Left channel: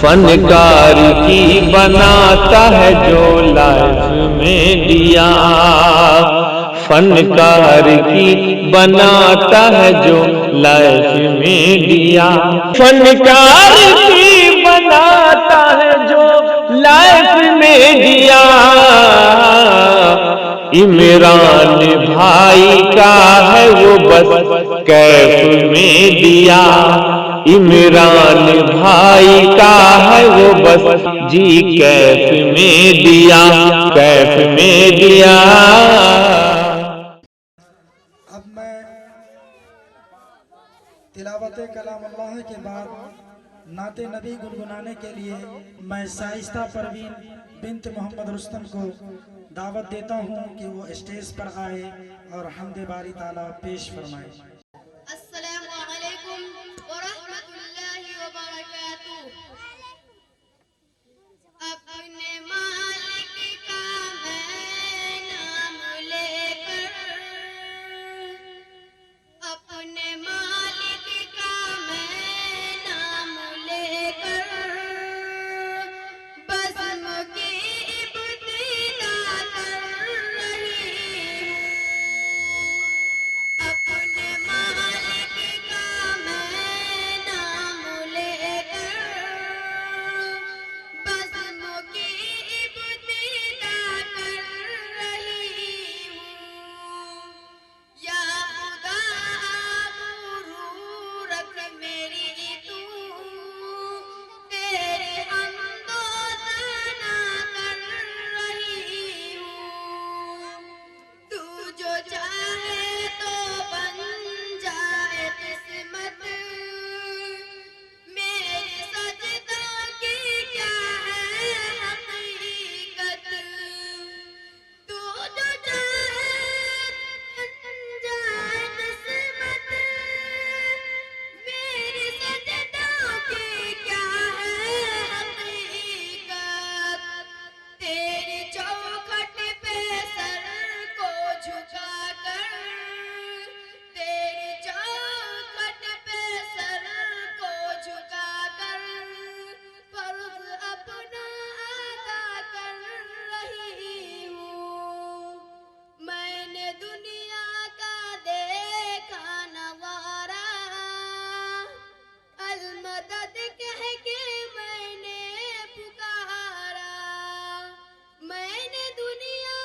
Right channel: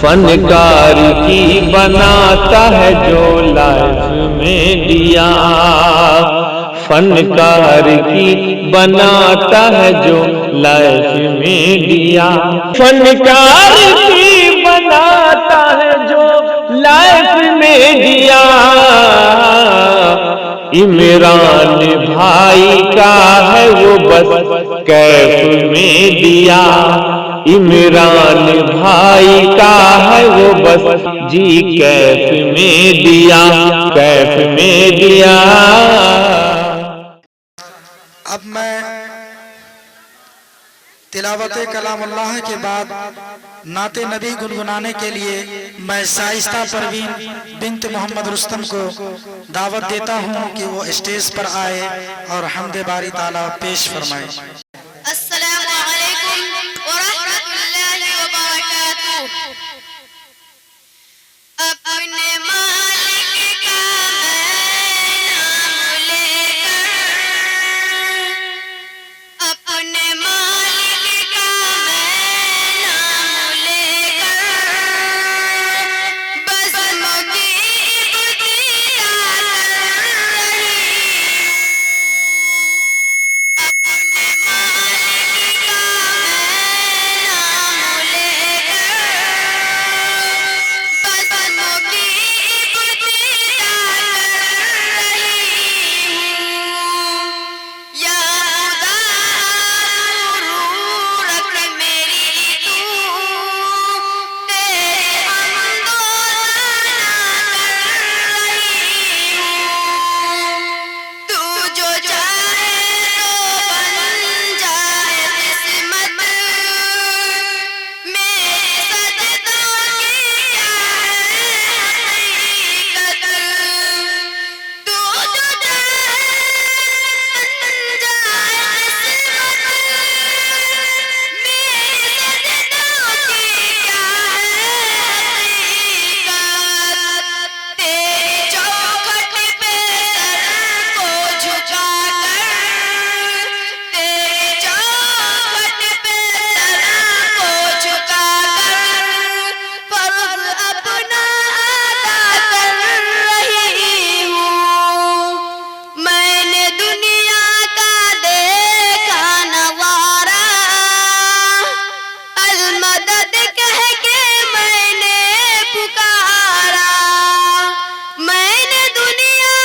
फनकार की बनाता है जो लाइफ में दिया, फनकार की बनाता है जो लाइफ में दिया, फनकार की बनाता है जो लाइफ में दिया। इमरान भाई का है वो बस कैफ में दिया, इमरान भाई का है वो बस जी कैफ में दिया, कैफ में दिया। अब मैं तिलावत कलाम अल्लाह के बाद नाते नबी गुनगुनाने के लिए मैं शाइस्ता परवीन बिन्त मोहम्मद रुस्तम को दावत देता हूं कि वो स्टेज पर आए और हमदे बारी ताला पेश फरमाए। अस्सलामु अलैकुम व रहमतुल्लाहि व बरकातुहू। अपने मालिक का नाम लेकर, अपने मालिक का नाम लेकर, बस मुझे इब्तिदा कर रही हूँ। अपने मालिक का नाम लेकर, बस मुझे इब्तिदा कर रही हूँ। या खुदा ज़रूर रख मेरी तू, तेरे हमदो सना कर रही हूँ। तू जो चाहे तो बन जाए किस्मत, मेरे सजदों की क्या है हकीकत। तू जो चाहे बन जाए किस्मत, मेरे सजदों की क्या है हकीकत। तेरी चौखट पे सर को झुकाकर, तेरी चौखट पे सर को झुकाकर, फर्ज अपना अदा कर रही हूँ। मैंने दुनिया का देखा नवारा, अलमदद कह के मैंने पुकारा। मैंने दुनिया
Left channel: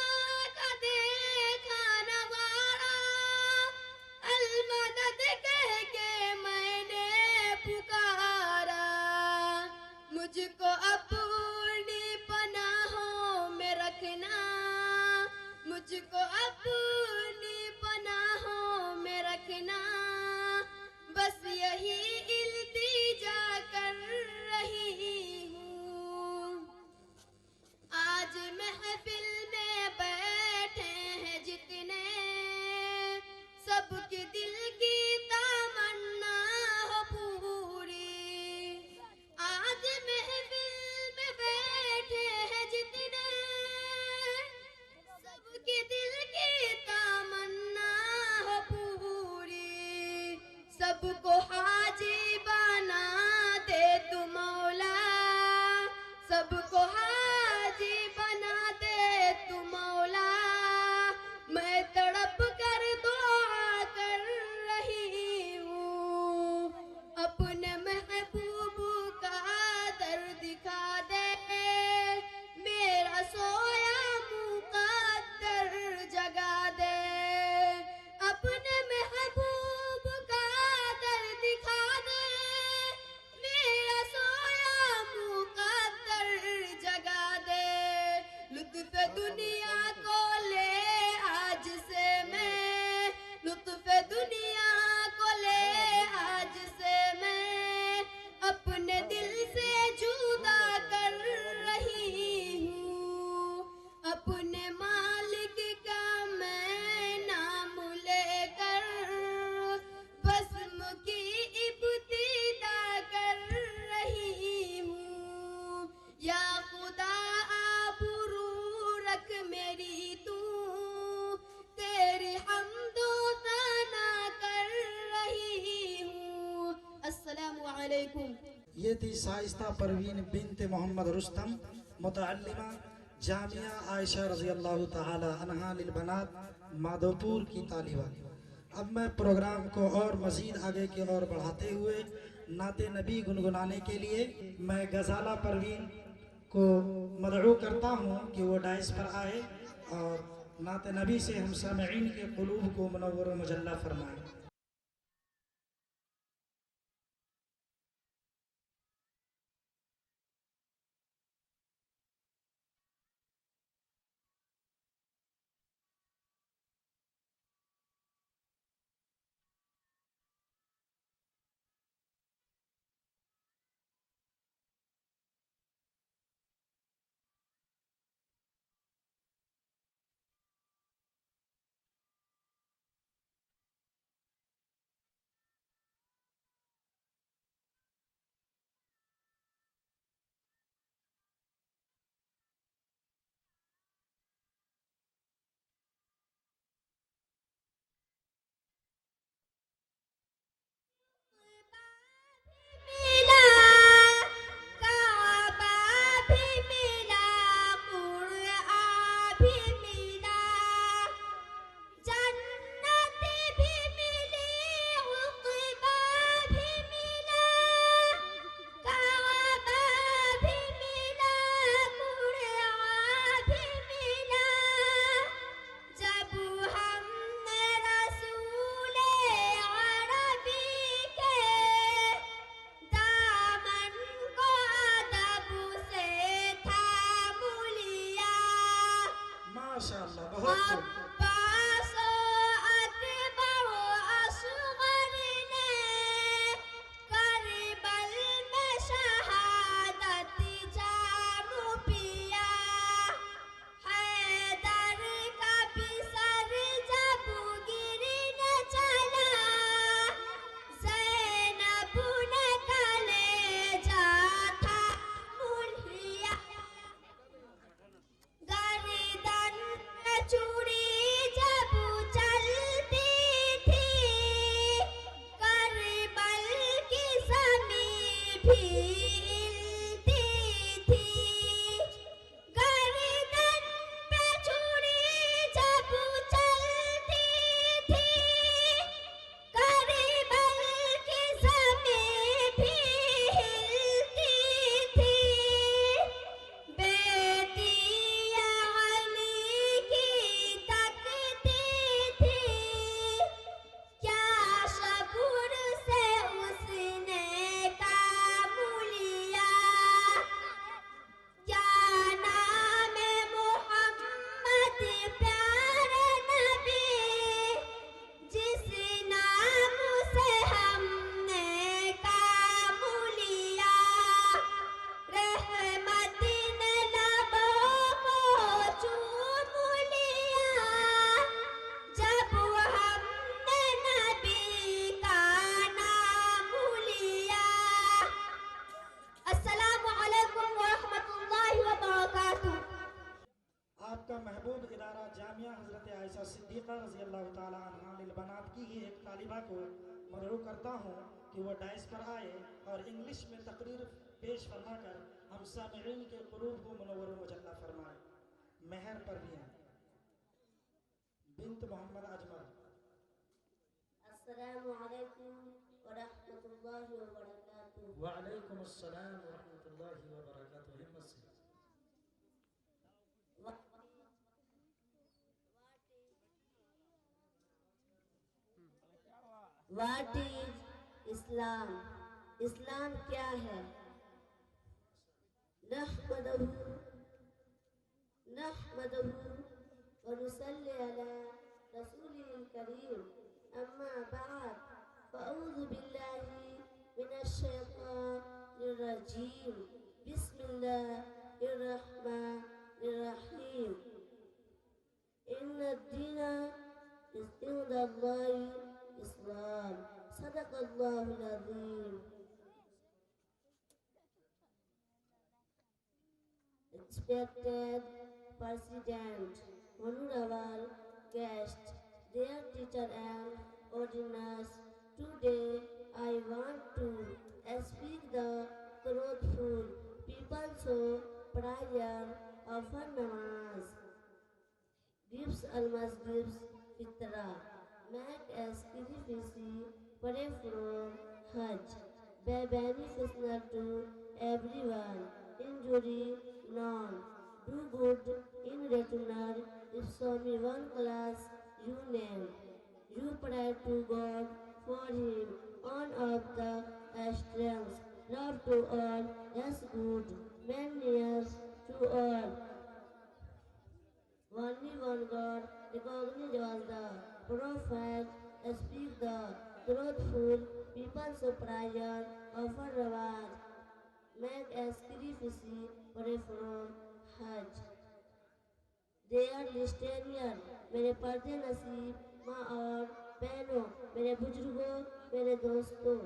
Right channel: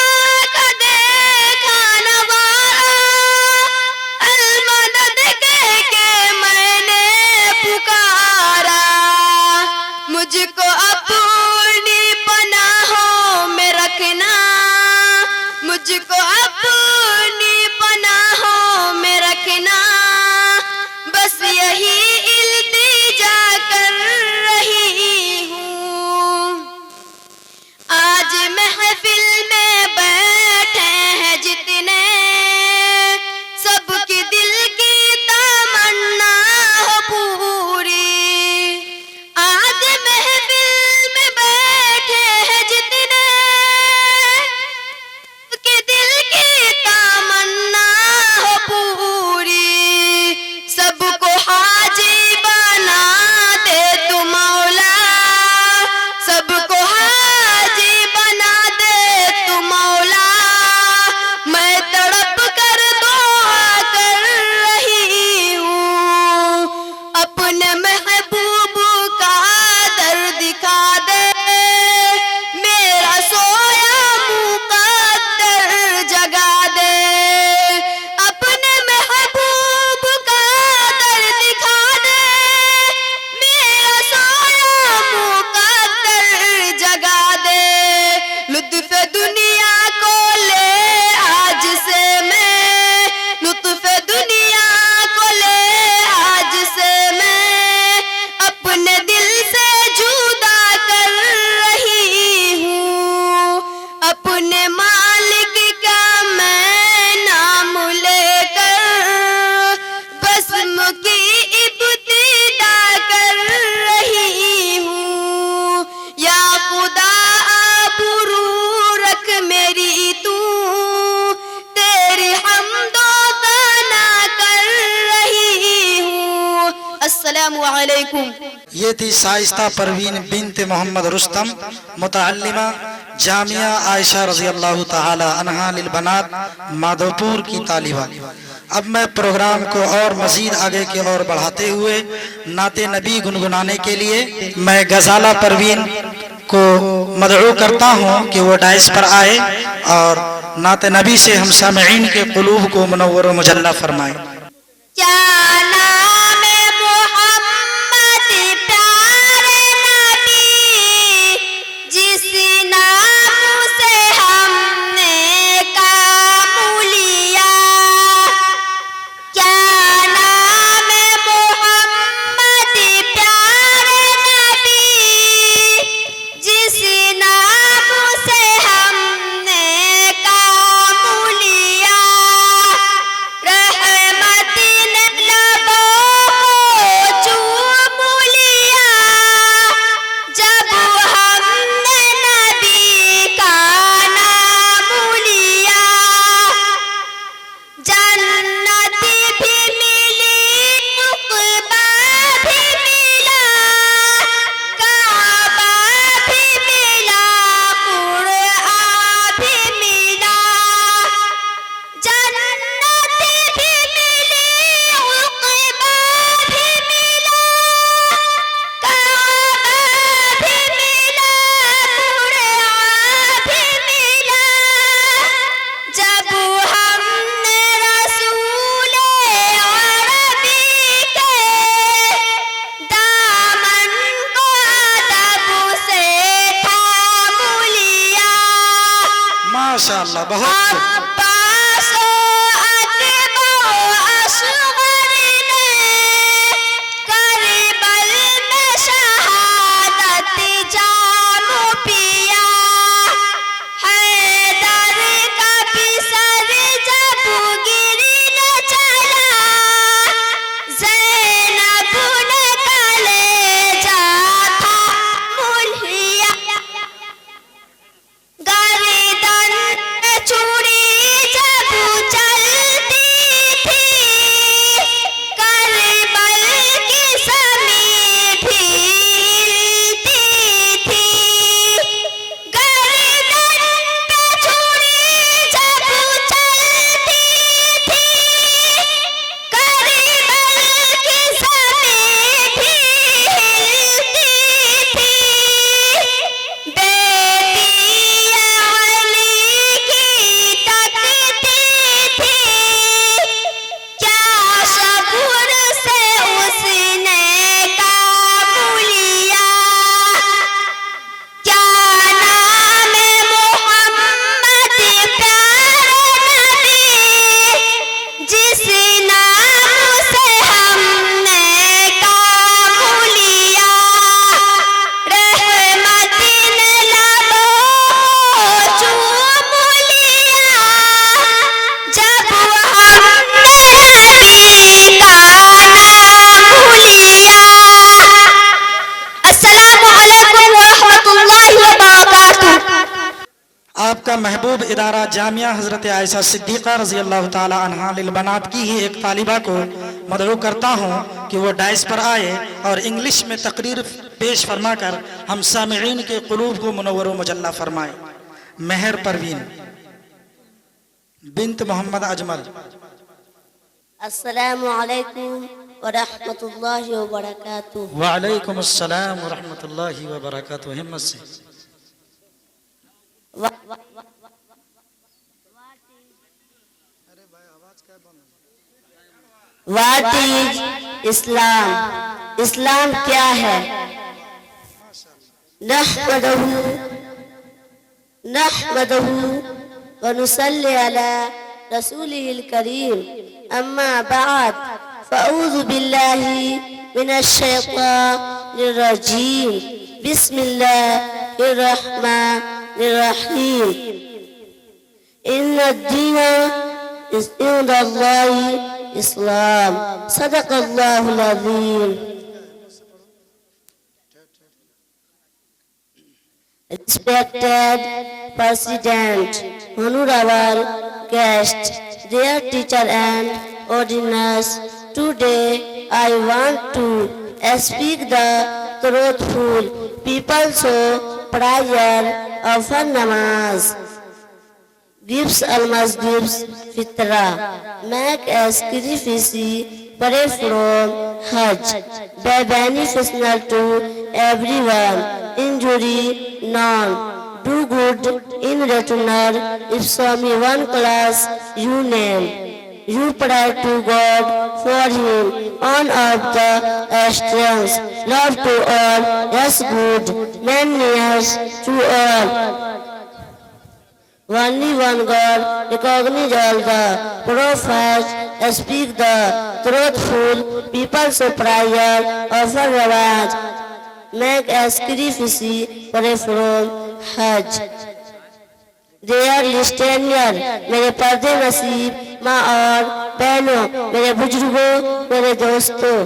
का देखा नवारा, अलमदद कह के मैंने पुकारा। मुझको अपनी पनाहों में रखना, मुझको अपनी पनाहों में रखना, बस यही इल्तिजा कर रही हूँ। आज महफिल में बैठे हैं जितने, सबकी दिल की तमन्ना हो पूरी। आज महफिल में बैठे हैं जितने, सबके दिल की तमन्ना हो पूरी। सबको हाजी बना दे तू मौला, सबको हाजी बना दे तू मौला। मैं तड़प कर दुआ कर रही हूँ। अपने महबूब का दर दिखा दे, मेरा सोया मुक़द्दर जगा दे। अपने महबूब का दर दिखा दे, मेरा सोया मुक़द्दर जगा दे। लुत्फ़ दुनिया को ले आज से मैं, लुत्फ़ दुनिया को ले आज से मैं, अपने दिल से जुदा कर रही हूँ। अपने मालिक का मैं नाम लेकर, बस मुझकी इब्तिदा कर रही हूँ। या खुदा आबरू रख मेरी तू, तेरी हमदो सना कर रही हूँ। अस्सलामु अलैकुम। ये थी शाइस्ता परवीन बिन्त मोहम्मद रुस्तम, मुतअल्लिमा जामिया आयशा रज़ी अल्लाह तआला अन्हा लिल बनात माधोपुर की तालिबा। अब मैं प्रोग्राम को और मजीद आगे की ओर बढ़ाते हुए नाते नबी गुनगुनाने के लिए मैं गजाला परवीन को मदऊ करता हूँ कि वो डाइस पर आए और नाते नबी से हम सामईन के कुलूब को मुनव्वर व मुजल्ला फरमाए। माशाअल्लाह, बहुत आपका महबूब इदारा जामिया हजरत आयशा सिद्दीक़ा रज़ी अल्लाह ताला अन्हा लिल बनात की ही एक तालिबा को मदऊ करता हूँ कि वो डाइस पर आए और इंग्लिश में तकरीर पेश फरमाकर हम सामिईन के कुलूब को मुनव्वर व मुजल्ला फरमाए। मेहर परवीन बिन्त मोहम्मद अजमल। अस्सलामु अलैकुम व रहमतुल्लाहि व बरकातुहू। व अलैकुम अस्सलाम व रहमतुल्लाहि व बरकातुहू। हिम्मत से। What is Islam? इस्लाम क्या है? नहमदहू व नुसल्ली अला रसूलिहिल करीम, अम्मा बाद, फ़अऊज़ु बिल्लाहि मिनश शैतानिर रजीम, बिस्मिल्लाहिर रहमानिर रहीम। इन्नद-दीना इंदल्लाहि इस्लाम। सदक़ल्लाहुल अज़ीम। Respected President, honorable guests, dear teacher and audience, today I want to speak the truthful. People show prayer, offer namaz. Gives almost gives fitra. Make a sacrifice, pray from Hajj. Be beneficial to everyone. Injury none. Do good in return. If some one class you name. You pray to God for Him on of the strength. Love to all, yes good, many years to all. Only one God, recognize all the prophets, speak the truthful, people so prayer, offer reward, make a sacrifice, pray from Hajj. Dear listener, मेरे पर्दे नसीब माँ और बहनों, मेरे बुजुर्गों, मेरे दोस्तों,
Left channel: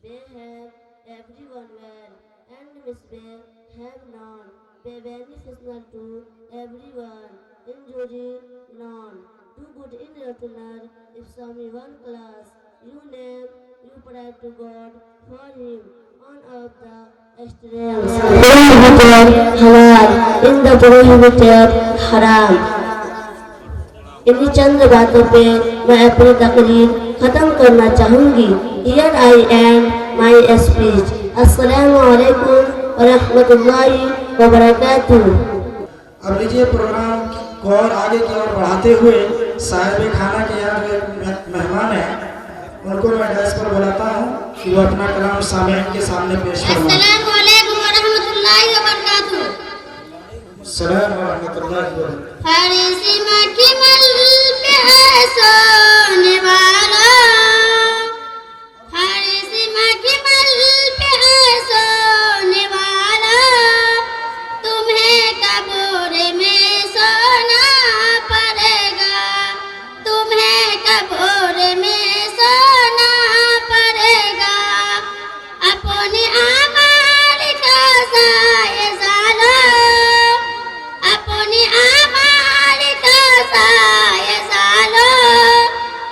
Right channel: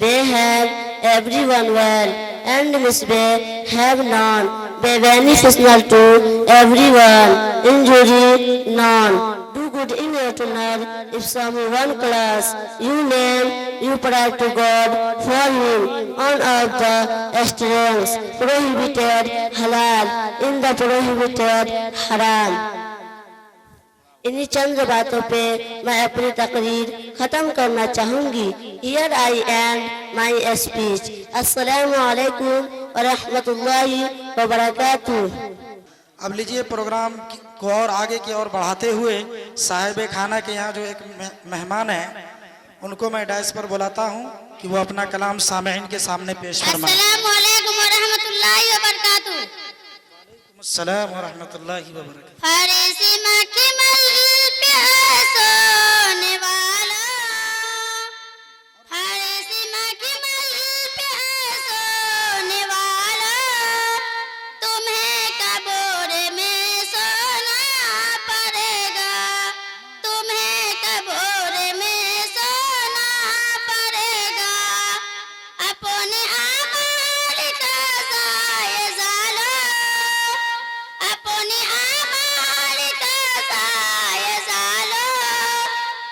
they have everyone well and misbeh have none, be beneficial to everyone, injury none. Do good in return, if someone class you name, you pray to God for Him on of the strength. Prohibited halal in the prohibited haram. इन्हीं चंद बातों पे मैं अपनी तकरीर खत्म करना चाहूँगी. Here I end my speech. अस्सलामु अलैकुम व रहमतुल्लाहि व बरकातुहू. अब लीजिए प्रोग्राम को और आगे की ओर बढ़ाते हुए साहिब खाना के यहाँ जो एक मेहमान है उनको मैं डैश पर बुलाता हूँ कि वो अपना कलाम सामईन के सामने पेश करवाएं. अस्सलामु अलैकुम व रहमतुल्लाहि व बरकातुहू. अस्सलाम व रहमतुल्लाहि व बरकातुहू. हरीसी मक्की मल पे सोने वाला, हरीसी मक्की मल पे सोने वाला, तुम्हें कब्र में सोना पड़ेगा, तुम्हें कब्र में सोना पड़ेगा. अपने आमाल का जायजा लो, अपने आमाल का जायजा लो,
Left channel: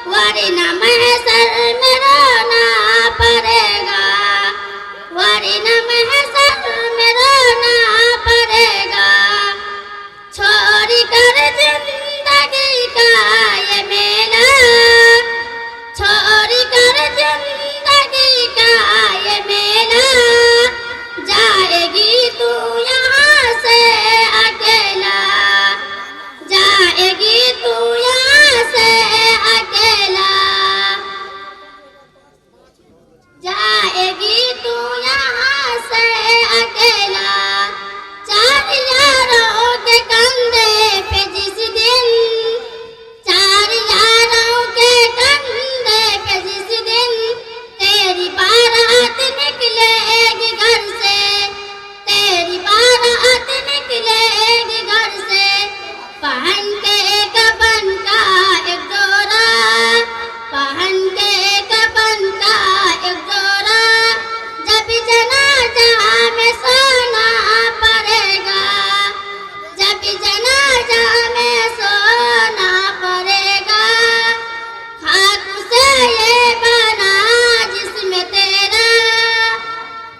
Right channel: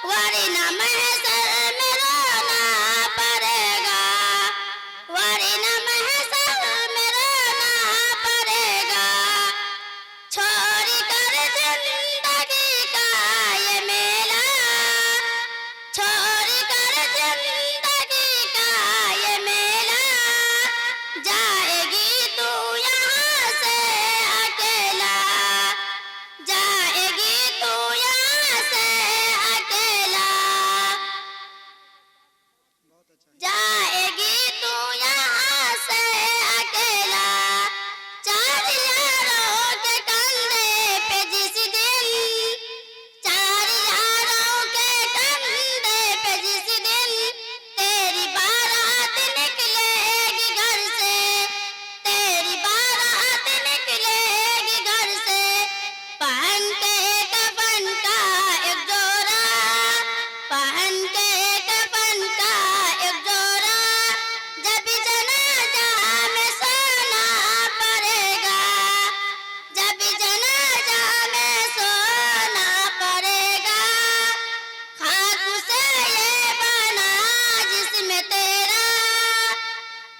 वरना महशर में रोना पड़ेगा, वरना महशर में रोना पड़ेगा. छोड़ कर जिंदगी का ये मेला, छोड़ कर जिंदगी का ये मेला, जाएगी तू यहाँ से अकेला, जाएगी तू यहाँ से अकेला, जाएगी तू यहाँ से अकेला. चार यारों के कंधे पे जिस दिन, चार यारों के कंधे पे जिस दिन तेरी बारात निकलेगी घर से, तेरी बारात निकलेगी घर से. पहन के कफन का एक जोड़ा, पहन के कफन का एक जोड़ा, जब जनाजा में सोना पड़ेगा, जब जनाजा में सोना पड़ेगा. खाक से ये बना जिसमें तेरा,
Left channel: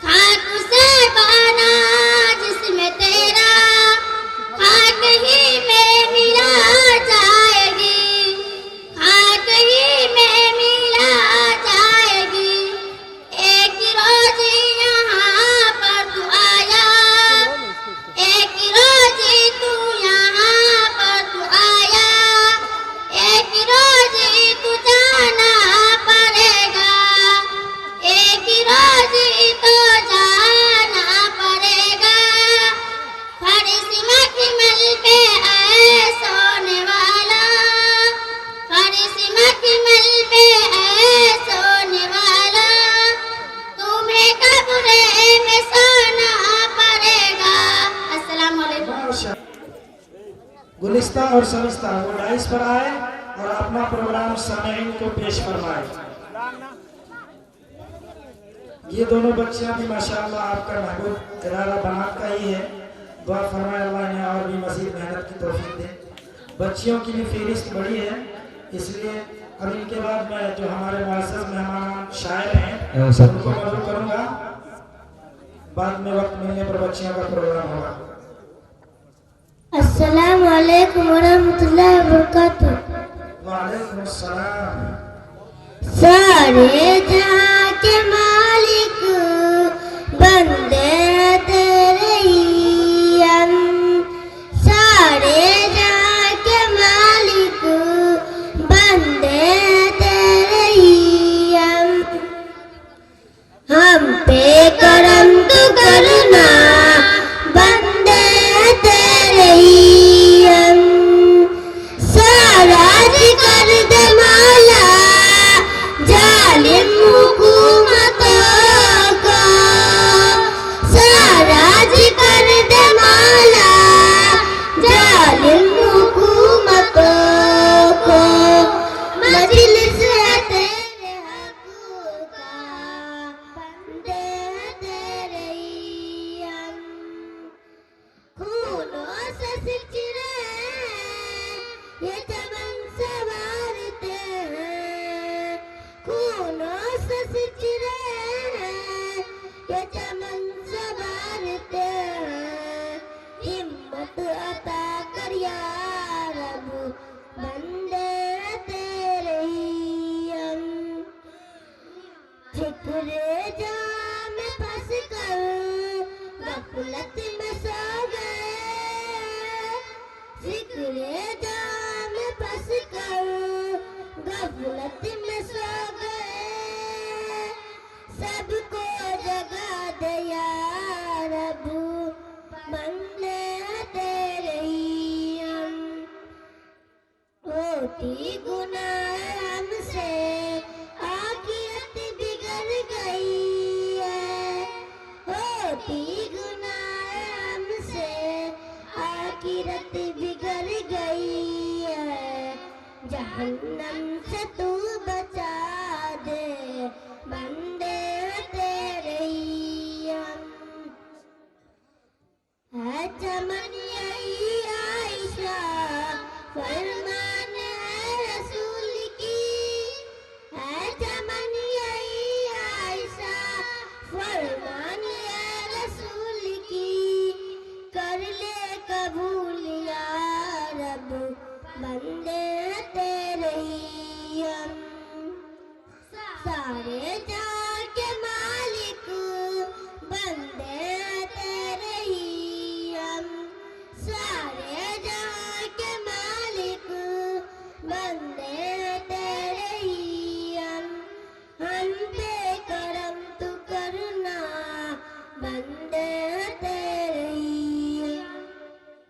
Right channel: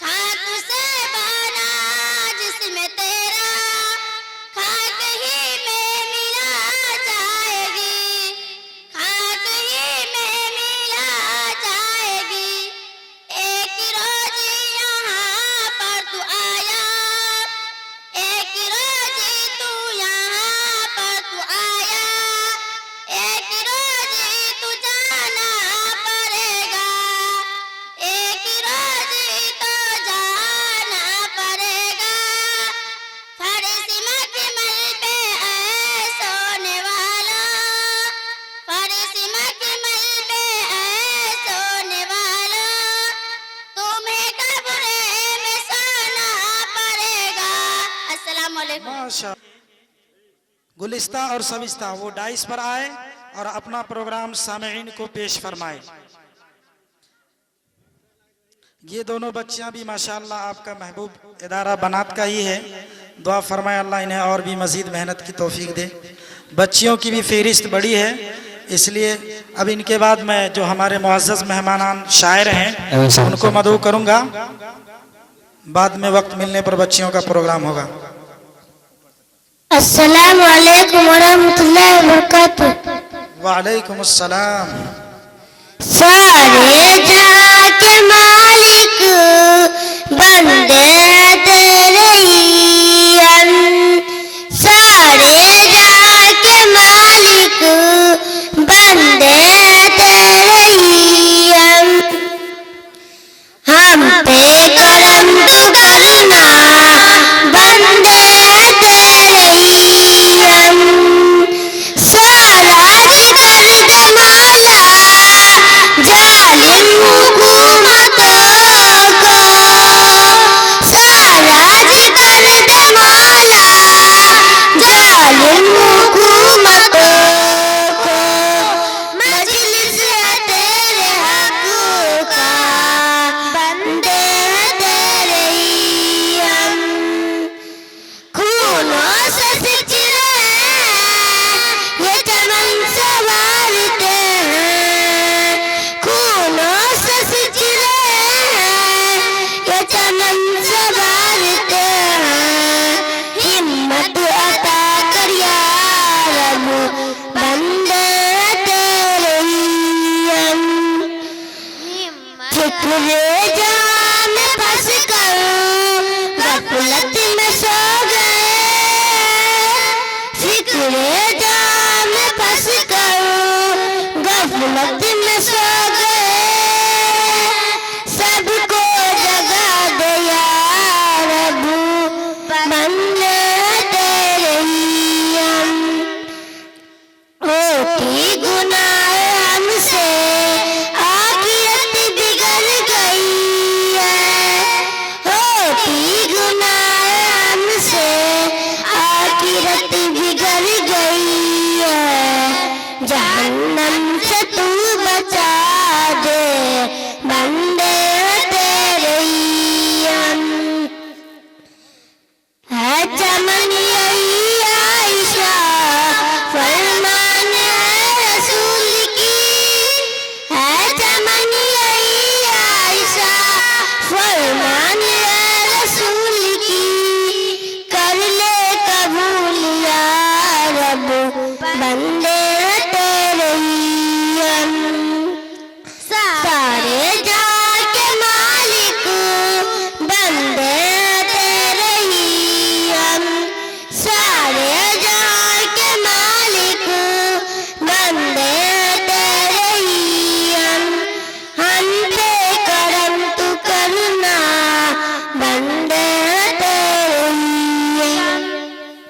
खाक से बना जिसमें तेरा, खाक ही में मिला जाएगी, खाक ही में मिला जाएगी. एक रोज यहाँ पर तू आया, एक रोज तू यहाँ पर तू आया, एक रोज तू जाना पड़ेगा, एक रोज तो जाना पड़ेगा. फरिश्ते मखमल पे है सोने वाला, फरिश्ते मखमल पे है सोने वाला, तुम्हें कब्र में सोना पड़ेगा. अस्सलाम वालेकुम. गुलिस्ता और सविस्ता वो डाइस पर आए और अपना प्रोग्राम सामईन को पेश फरमाए. ये दोनों बच्चियां भी माशाअल्लाह आपका महबूब इदारा बनात का ही है. दुआ फरमाए अल्लाह इन्हें और भी मज़ीद मेहनत की तौफीक दे. बच्चियों की भी फहरिस्त बड़ी है, इसलिए अब इनके बाद मैं जो हमारे मुअज़्ज़ज़ मेहमान शायर हैं उनको मदऊ करूंगा। बाद में वक्त मिलने पर बच्चियों का प्रोग्राम होगा। अस्सलामु अलैकुम वरहमतुल्लाहि वबरकातुहू। वालेकुम अस्सलाम। सारे जहां के मालिक बंदे तेरे ही हम, सारे जहां के मालिक बंदे तेरे ही हम पे करम तू करना बंदे तेरे ही हम, सारा जिगर जमाला जालिम हुकूमतों को, सारा जिगर जमाला जालिम हुकूमतों को, मजलिस है तेरे हक का बंदे तेरे ही हम, खूनों से सिंचे ये चमन संवारते हैं, खूनों से सिंचे ये चमन संवारते हैं, हिम्मत अता कर या रब बंदे तेरे ही हम, फिक्रे जान फंस कर गफलत में सो गए, फिक्रे